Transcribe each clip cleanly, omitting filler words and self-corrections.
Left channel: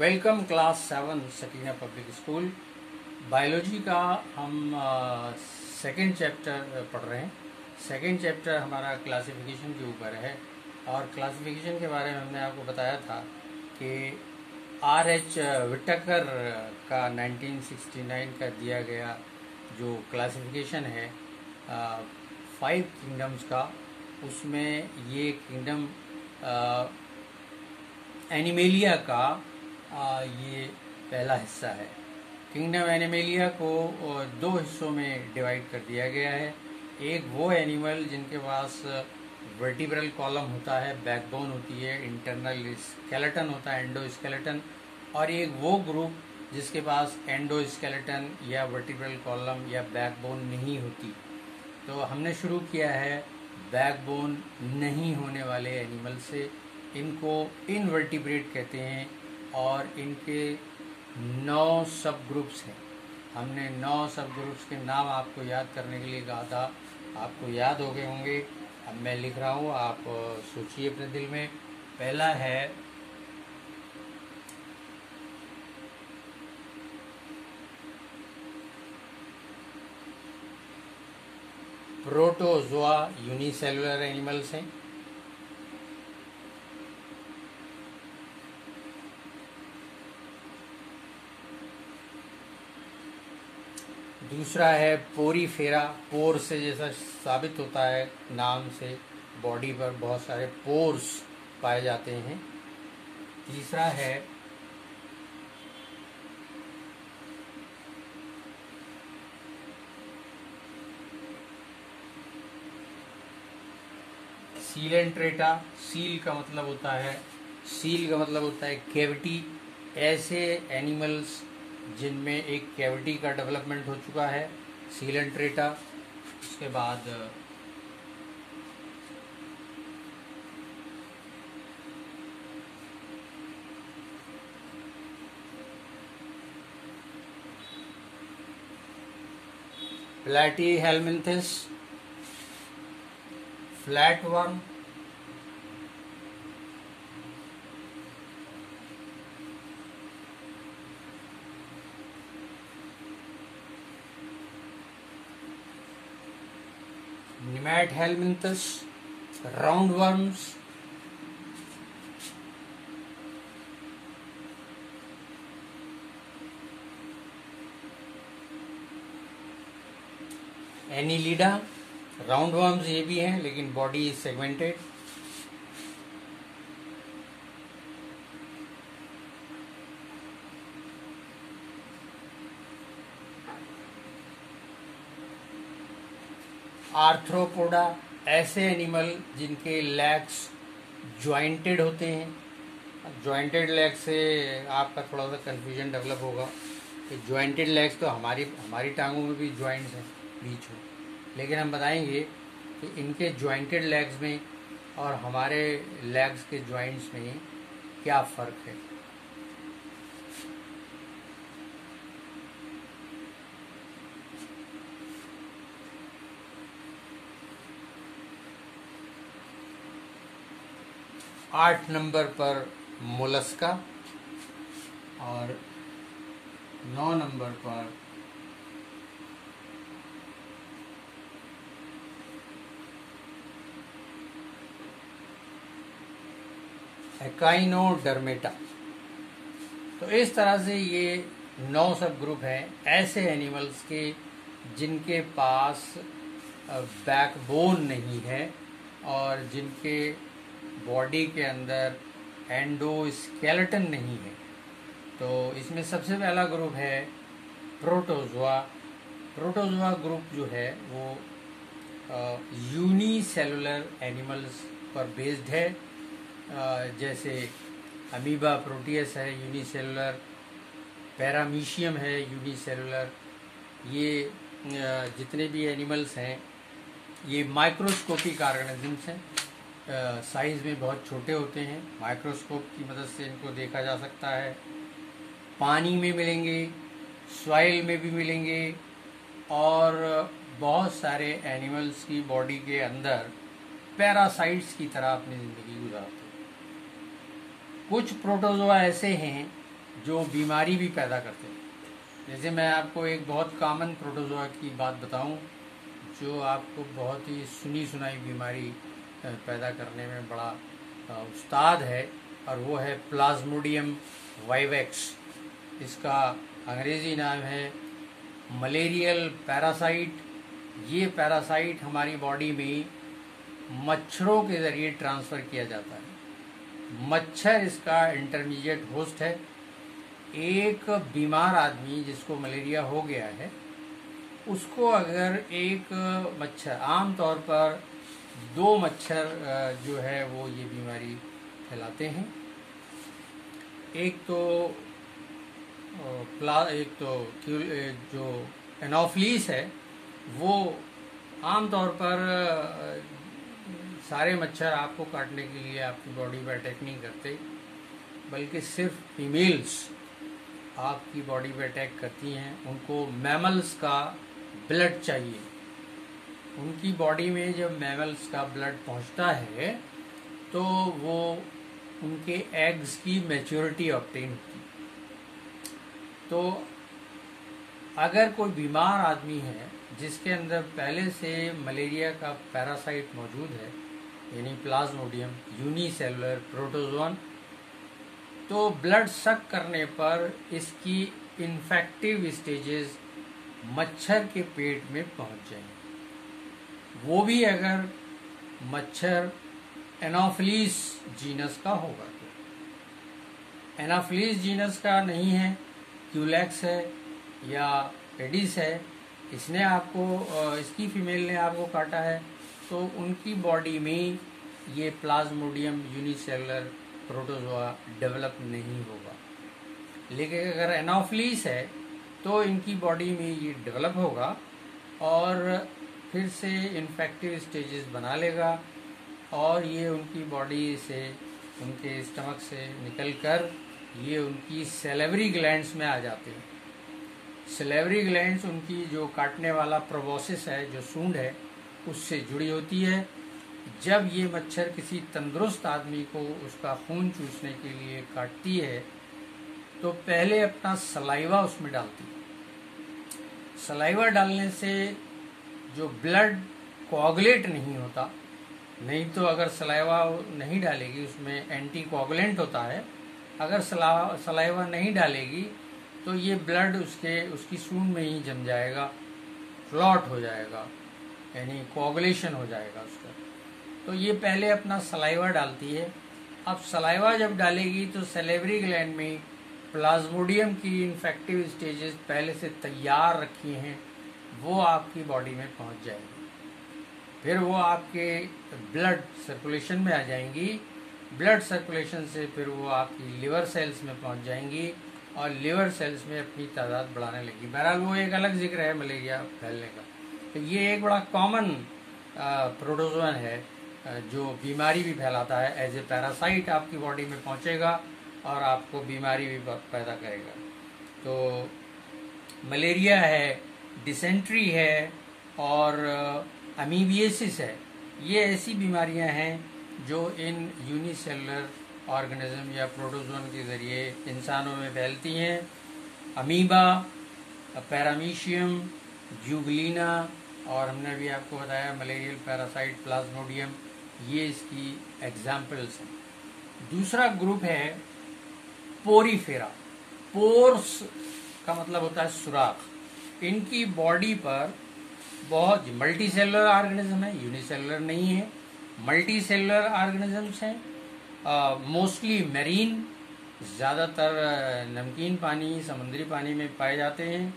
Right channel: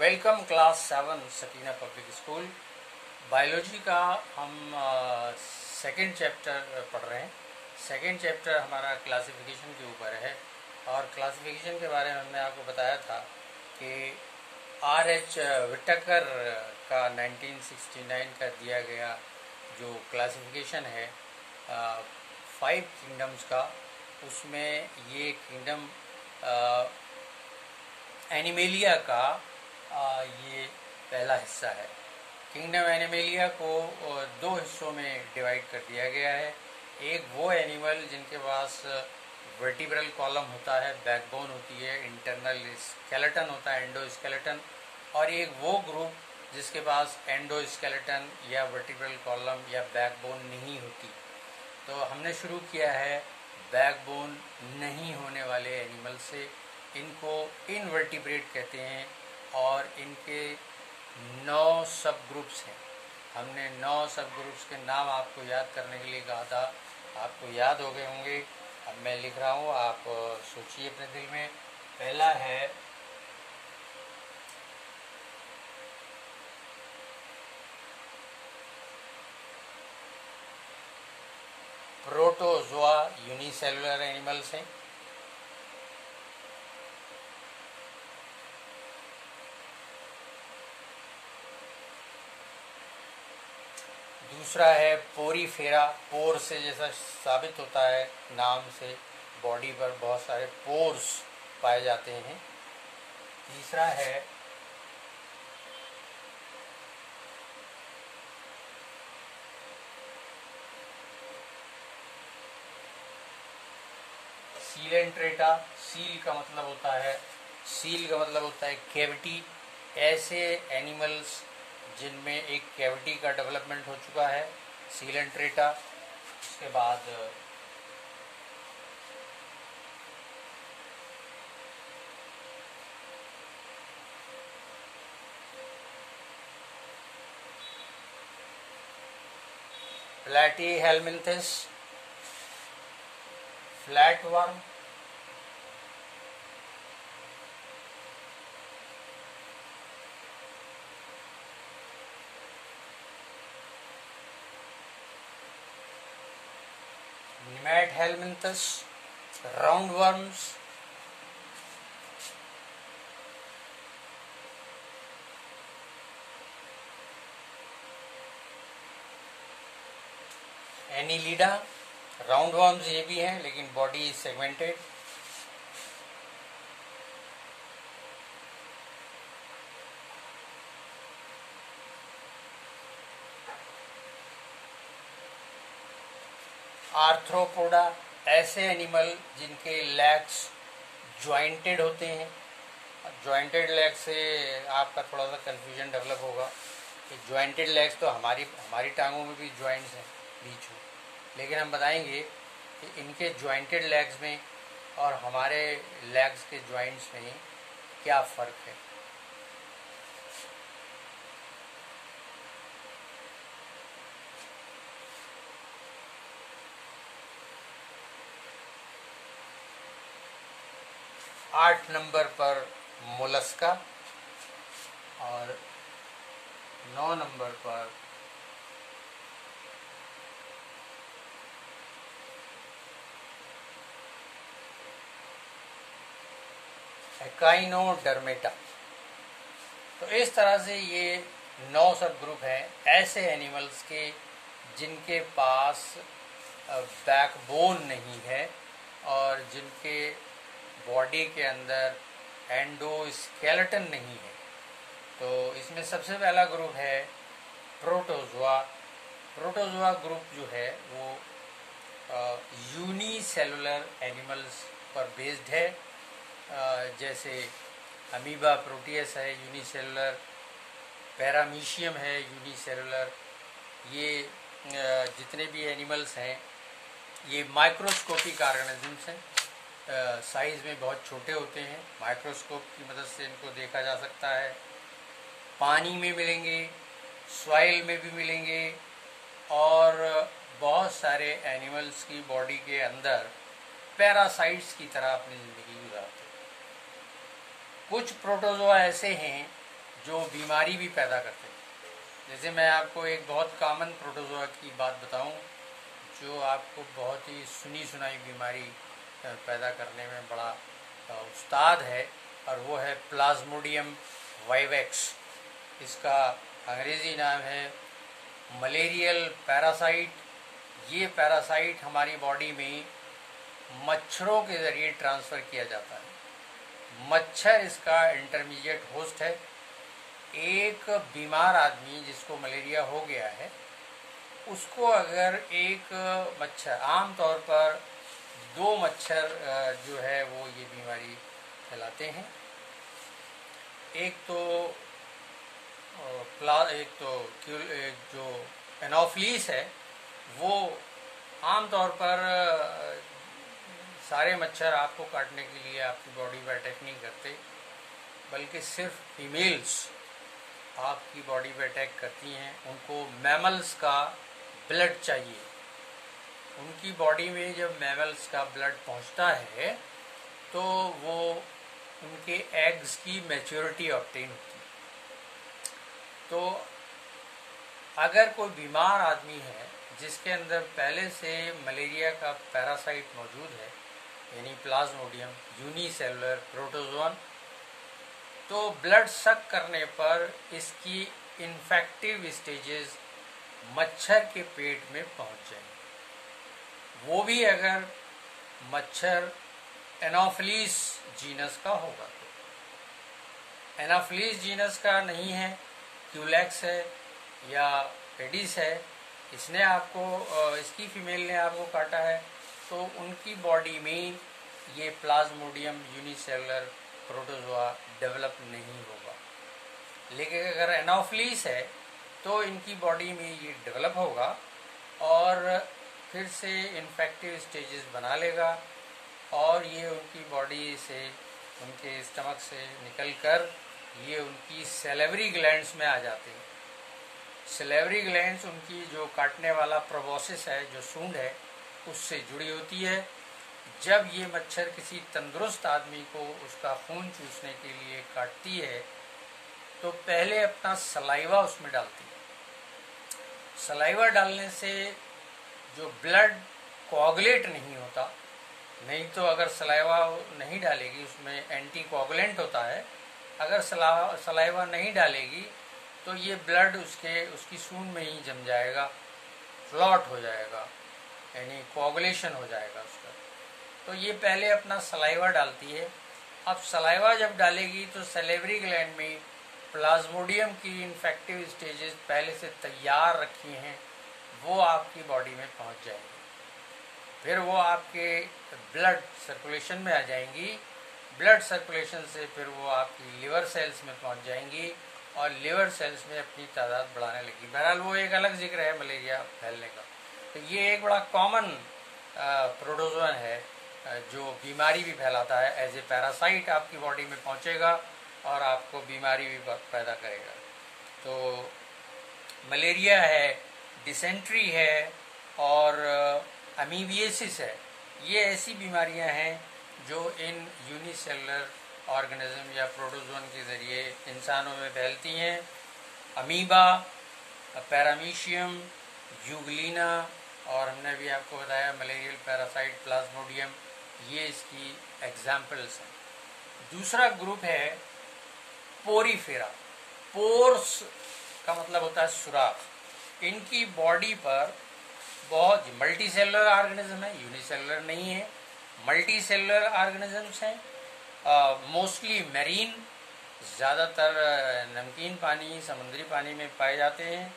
Welcome class 7 Sakina public school. Biology का हम second chapter पढ़ रहे हैं। सेकेंड चैप्टर हमारा क्लासिफिकेशन के ऊपर है और क्लासिफिकेशन के बारे में हमने आपको बताया था कि R.H. विटकर का 1969 का दिया गया जो क्लासिफिकेशन है 5 किंगडम्स का, उसमें ये किंगडम एनिमेलिया का ये पहला हिस्सा है। किंगडम एनिमेलिया को 2 हिस्सों में डिवाइड कर दिया गया है। एक वो एनिमल जिनके पास वर्टिब्रल कॉलम होता है, बैकबोन होती है, इंटरनल स्केलेटन होता है, एंडोस्केलेटन, और एक वो ग्रुप जिसके पास एंडोस्केलेटन या वर्टिब्रल कॉलम या बैकबोन नहीं होती। तो हमने शुरू किया है बैकबोन नहीं होने वाले एनिमल से। इनको इनवर्टिब्रेट कहते हैं और इनके 9 सब ग्रुप्स हैं। हमने 9 सब ग्रुप्स के नाम आपको याद करने के लिए कहा था, आपको याद हो गए होंगे। अब मैं लिख रहा हूँ, आप सोचिए अपने दिल में। पहला है प्रोटोजोआ, यूनिसेलुलर एनिमल्स हैं। दूसरा है पोरीफेरा, पोर से जैसा साबित होता है नाम से, बॉडी पर बहुत सारे पोर्स पाए जाते हैं। तीसरा है सीलेंट्रेटा। सील का मतलब होता है कैविटी। ऐसे एनिमल्स जिनमें एक कैविटी का डेवलपमेंट हो चुका है, सीलेंट्रेटा। उसके बाद प्लैटीहेलमिन्थस, फ्लैटवर्म, निमैटहेलमिन्थस, राउंडवर्म्स, एनिलिडा। राउंडवर्म्स ये भी हैं लेकिन बॉडी इज सेगमेंटेड। आर्थ्रोपोडा, ऐसे एनिमल जिनके लेग्स ज्वाइंटेड होते हैं। ज्वाइंटेड लेग से आपका थोड़ा सा कंफ्यूजन डेवलप होगा कि ज्वाइंटेड लेग्स तो हमारी टांगों में भी ज्वाइंट्स हैं बीच में, लेकिन हम बताएंगे कि इनके ज्वाइंटेड लेग्स में और हमारे लेग्स के ज्वाइंट्स में क्या फर्क है। आठ नंबर पर मोलस्का और 9 नंबर पर एकाइनोडर्मेटा। तो इस तरह से ये 9 सब ग्रुप हैं ऐसे एनिमल्स के जिनके पास बैकबोन नहीं है और जिनके बॉडी के अंदर एंडोस्केलेटन नहीं है। तो इसमें सबसे पहला ग्रुप है प्रोटोजोआ। प्रोटोजोआ ग्रुप जो है वो यूनिसेलुलर एनिमल्स पर बेस्ड है। जैसे अमीबा प्रोटियस है यूनिसेलुलर, पैरामीशियम है यूनिसेलुलर। ये जितने भी एनिमल्स हैं ये माइक्रोस्कोपिक ऑर्गेनिजम्स हैं। साइज में बहुत छोटे होते हैं। माइक्रोस्कोप की मदद से इनको देखा जा सकता है। पानी में मिलेंगे, सॉइल में भी मिलेंगे और बहुत सारे एनिमल्स की बॉडी के अंदर पैरासाइट्स की तरह अपनी जिंदगी गुजारते हैं। कुछ प्रोटोजोआ ऐसे हैं जो बीमारी भी पैदा करते हैं। जैसे मैं आपको एक बहुत कॉमन प्रोटोजोआ की बात बताऊं जो आपको बहुत ही सुनी सुनाई बीमारी पैदा करने में बड़ा उस्ताद है, और वो है प्लाज्मोडियम वाइवेक्स। इसका अंग्रेजी नाम है मलेरियल पैरासाइट। ये पैरासाइट हमारी बॉडी में मच्छरों के जरिए ट्रांसफर किया जाता है। मच्छर इसका इंटरमीडिएट होस्ट है। एक बीमार आदमी जिसको मलेरिया हो गया है, उसको अगर एक मच्छर, आमतौर पर 2 मच्छर जो है वो ये बीमारी फैलाते हैं। एक तो जो एनोफ्लिस है, वो आमतौर पर सारे मच्छर आपको काटने के लिए आपकी बॉडी पर अटैक नहीं करते, बल्कि सिर्फ फीमेल्स आपकी बॉडी पे अटैक करती हैं। उनको मैमल्स का ब्लड चाहिए। उनकी बॉडी में जब मैमल्स का ब्लड पहुंचता है तो वो उनके एग्स की मैच्योरिटी ऑब्टेन होती है। तो अगर कोई बीमार आदमी है जिसके अंदर पहले से मलेरिया का पैरासाइट मौजूद है, यानी प्लाज्मोडियम यूनिसेलुलर प्रोटोजोन, तो ब्लड सक करने पर इसकी इन्फेक्टिव स्टेजेस मच्छर के पेट में पहुंच जाएंगे। वो भी अगर मच्छर एनोफिलीस जीनस का होगा। तो एनोफिलीस जीनस का नहीं है, क्यूलेक्स है या एडिस है, इसने आपको, इसकी फीमेल ने आपको काटा है, तो उनकी बॉडी में ये प्लाज्मोडियम यूनिसेलुलर प्रोटोजोआ डेवलप नहीं होगा। लेकिन अगर एनोफिलीस है तो इनकी बॉडी में ये डेवलप होगा और फिर से इन्फेक्टिव स्टेजेस बना लेगा, और ये उनकी बॉडी से, उनके स्टमक से निकलकर ये उनकी सैलिवरी ग्लैंड्स में आ जाते हैं। सैलिवरी ग्लैंड्स उनकी जो काटने वाला प्रोबोसिस है, जो सूंड है, उससे जुड़ी होती है। जब ये मच्छर किसी तंदुरुस्त आदमी को उसका खून चूसने के लिए काटती है तो पहले अपना सलाइवा उसमें डालती है। सलाइवा डालने से जो ब्लड कोआगुलेट नहीं होता, नहीं तो अगर सलाइवा नहीं डालेगी, उसमें एंटी कोआगुलेंट होता है, अगर सलाइवा नहीं डालेगी तो ये ब्लड उसकी सूंड में ही जम जाएगा, क्लॉट हो जाएगा, यानी कोआगुलेशन हो जाएगा उसका। तो ये पहले अपना सलाइवा डालती है। अब सलाइवा जब डालेगी तो सैलिवरी ग्लैंड में प्लाज्मोडियम की इन्फेक्टिव स्टेजेस पहले से तैयार रखी हैं, वो आपकी बॉडी में पहुंच जाएंगी। फिर वो आपके ब्लड सर्कुलेशन में आ जाएंगी। ब्लड सर्कुलेशन से फिर वो आपकी लिवर सेल्स में पहुंच जाएंगी और लिवर सेल्स में अपनी तादाद बढ़ाने लगी। बहरहाल वो एक अलग जिक्र है मलेरिया फैलने का। तो ये एक बड़ा कॉमन प्रोटोजोन है जो बीमारी भी फैलाता है। एज ए पैरासाइट आपकी बॉडी में पहुंचेगा और आपको बीमारी भी पैदा करेगा। तो मलेरिया है, डिसेंट्री है और अमीबियासिस है। ये ऐसी बीमारियां हैं जो इन यूनिसेलुलर ऑर्गेनिज्म या प्रोटोजोन के जरिए इंसानों में फैलती हैं। अमीबा, पैरामीशियम, यूग्लिना और हमने भी आपको बताया मलेरियल पैरासाइट प्लाज्मोडियम, ये इसकी एग्जाम्पल्स हैं। दूसरा ग्रुप है पोरीफेरा। पोर्स का मतलब होता है सुराख। इनकी बॉडी पर बहुत मल्टी सेलुलर ऑर्गेनिज्म है, यूनिसेलुलर नहीं है, मल्टी सेलुलर ऑर्गेनिजम्स हैं। मोस्टली मेरीन, ज्यादातर नमकीन पानी, समुद्री पानी में पाए जाते हैं,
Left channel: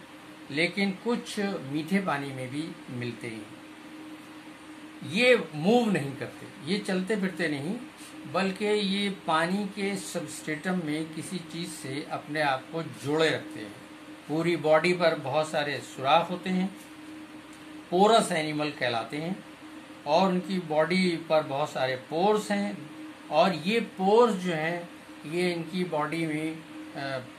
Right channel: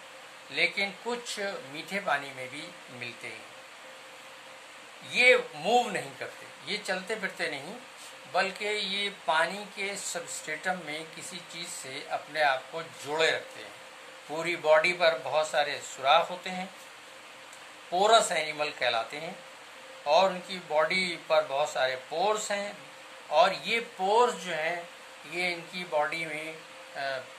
लेकिन कुछ मीठे पानी में भी मिलते हैं। ये मूव नहीं करते, ये चलते फिरते नहीं, बल्कि ये पानी के सबस्ट्रेटम में किसी चीज से अपने आप को जोड़े रखते हैं। पूरी बॉडी पर बहुत सारे सुराख होते हैं, पोरस एनिमल कहलाते हैं, और उनकी बॉडी पर बहुत सारे पोर्स हैं, और ये पोर्स जो हैं ये इनकी बॉडी में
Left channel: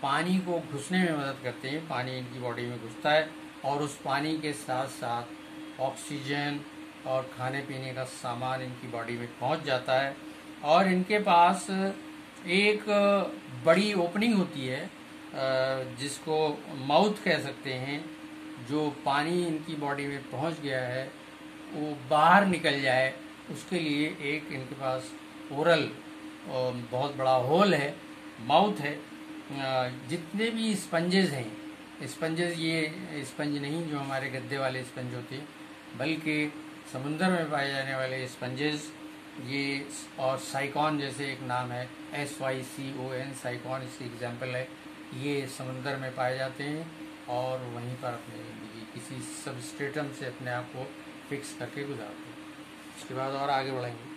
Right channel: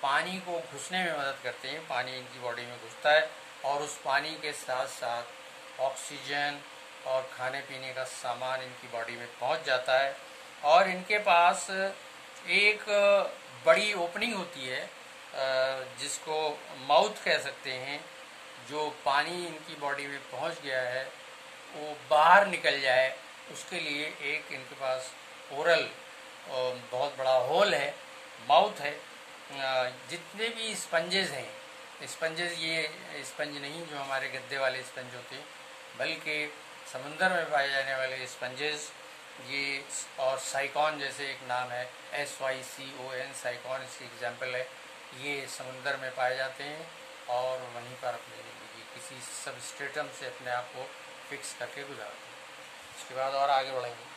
पानी को घुसने में मदद करते हैं। पानी इनकी बॉडी में घुसता है और उस पानी के साथ साथ ऑक्सीजन और खाने पीने का सामान इनकी बॉडी में पहुंच जाता है। और इनके पास एक बड़ी ओपनिंग होती है जिसको माउथ कह सकते हैं, जो पानी इनकी बॉडी में पहुंच गया है वो बाहर निकल जाए, उसके लिए एक इनके पास ओरल बहुत बड़ा होल है, माउथ है। जितने भी स्पंजेस हैं, स्पंजेस ये स्पंज नहीं जो हमारे गद्दे वाले स्पंज होते हैं, बल्कि समुंदर में पाए जाने वाले स्पंजेस ये, और साइकॉन जैसे एक नाम है, SYCON, साइकॉन इसकी एग्जाम्पल है। ये समुंदर में पाए जाते हैं और वहीं पर अपनी जिंदगी किसी सबस्ट्रेटम से अपने आप को फिक्स करके गुजारते हैं। उसके बाद और आगे बढ़ेंगे।